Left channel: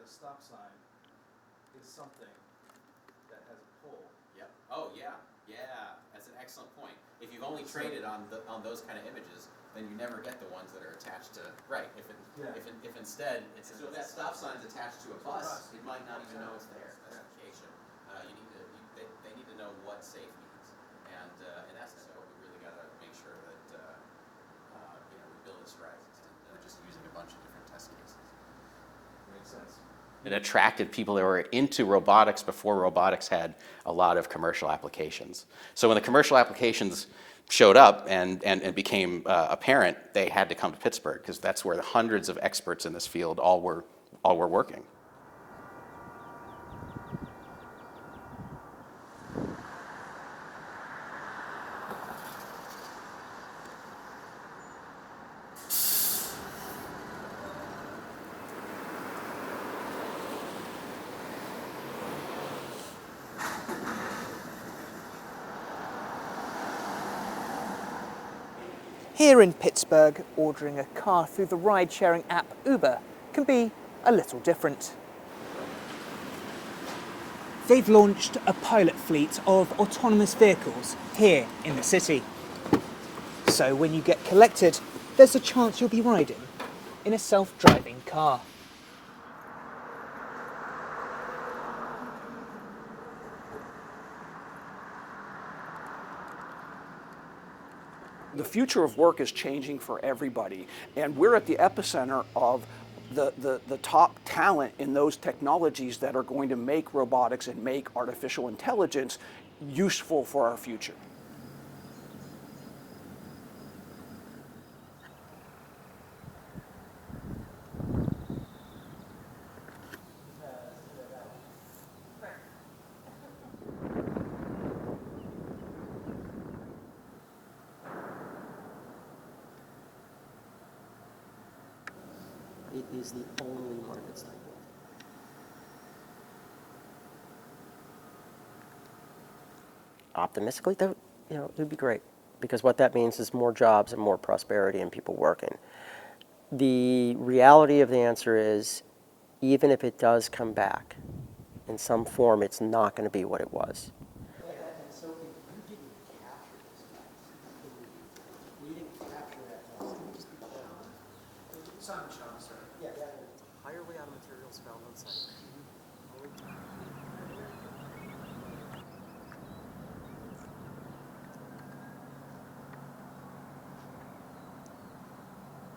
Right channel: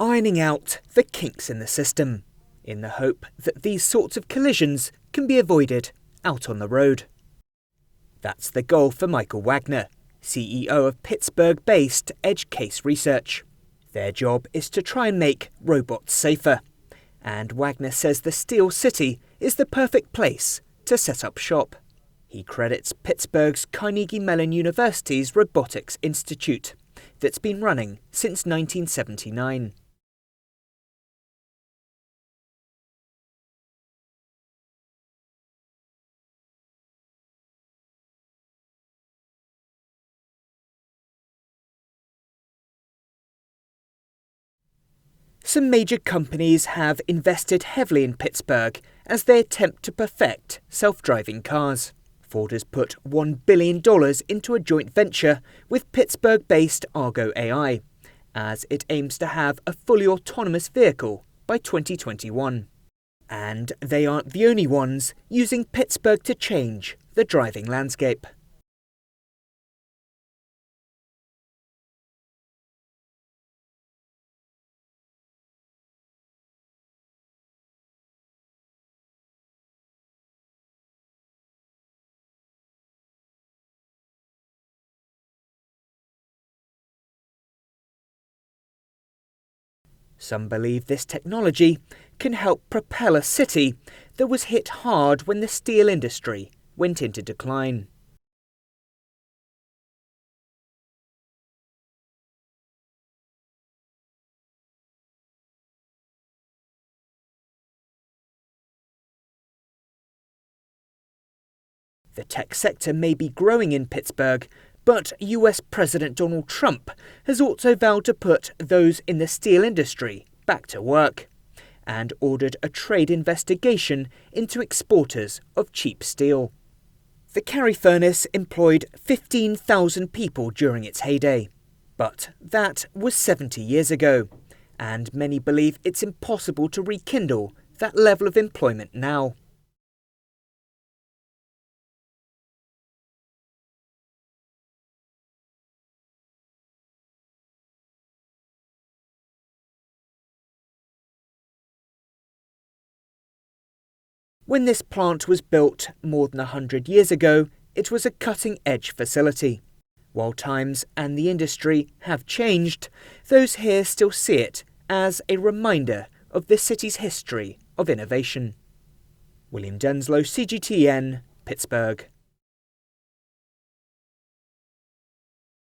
ironing out the kinks in the system, in the hope that these sorts of collisions can be avoided out on the road. That's the goal for Michael Wagner, CEO of Pittsburgh-based Edge Case Research. Their job is to try and make robots safer. And Wagner says the Steel City is the perfect place to set up shop. He credits Pittsburgh's Carnegie Mellon University's Robotics Institute, that's been running since 1979. It attracted people that were into robotics before robotics had a lot of commercial applications. So when the commercial applications showed up and became apparent, they had to come to Pittsburgh because that's where the hundreds of experts in this field all were working. Some major companies have invested heavily in Pittsburgh as they attempt to perfect self-driving cars. Ford has put $1 billion into a joint venture with Pittsburgh-based Argo AI, as it aims to have a fully autonomous vehicle by 2021. And they aren't the only ones using Pittsburgh to change the driving landscape. Here in Pittsburgh, ordering a car through the ride-sharing app Uber can be a little different. They've launched a pilot fleet of autonomous vehicles here in the city. So when you get collected, there's a chance you'll be riding in a self-driving car. Some believe this technology can help propel a city that was hit hard when the steel industry went into decline. The future of work is changing for everybody, and we're at the epicenter of the top talent in those technologies that are going to make robotics and make artificial intelligence useful for our future. The tech sector may be growing in Pittsburgh, but US President Donald Trump has also vowed to put those in the steel industry back to work and ordered a trade investigation into exporters of cheap steel. The Cary furnace employed 15,000 people during its heyday, but that was 70 years ago, and many believe it's impossible to rekindle that level of employment now. Optimistically, though, it would be great, because what that means is more jobs and more prosperity and people working. The reality of the answer is, even if it does come back in some form, it's not going to be what it was. When this plant was built more than 100 years ago, it was a cutting-edge facility. While times and the industry have changed, those here still see it as a reminder of the city's history of innovation. William Denselow, CGTN, Pittsburgh.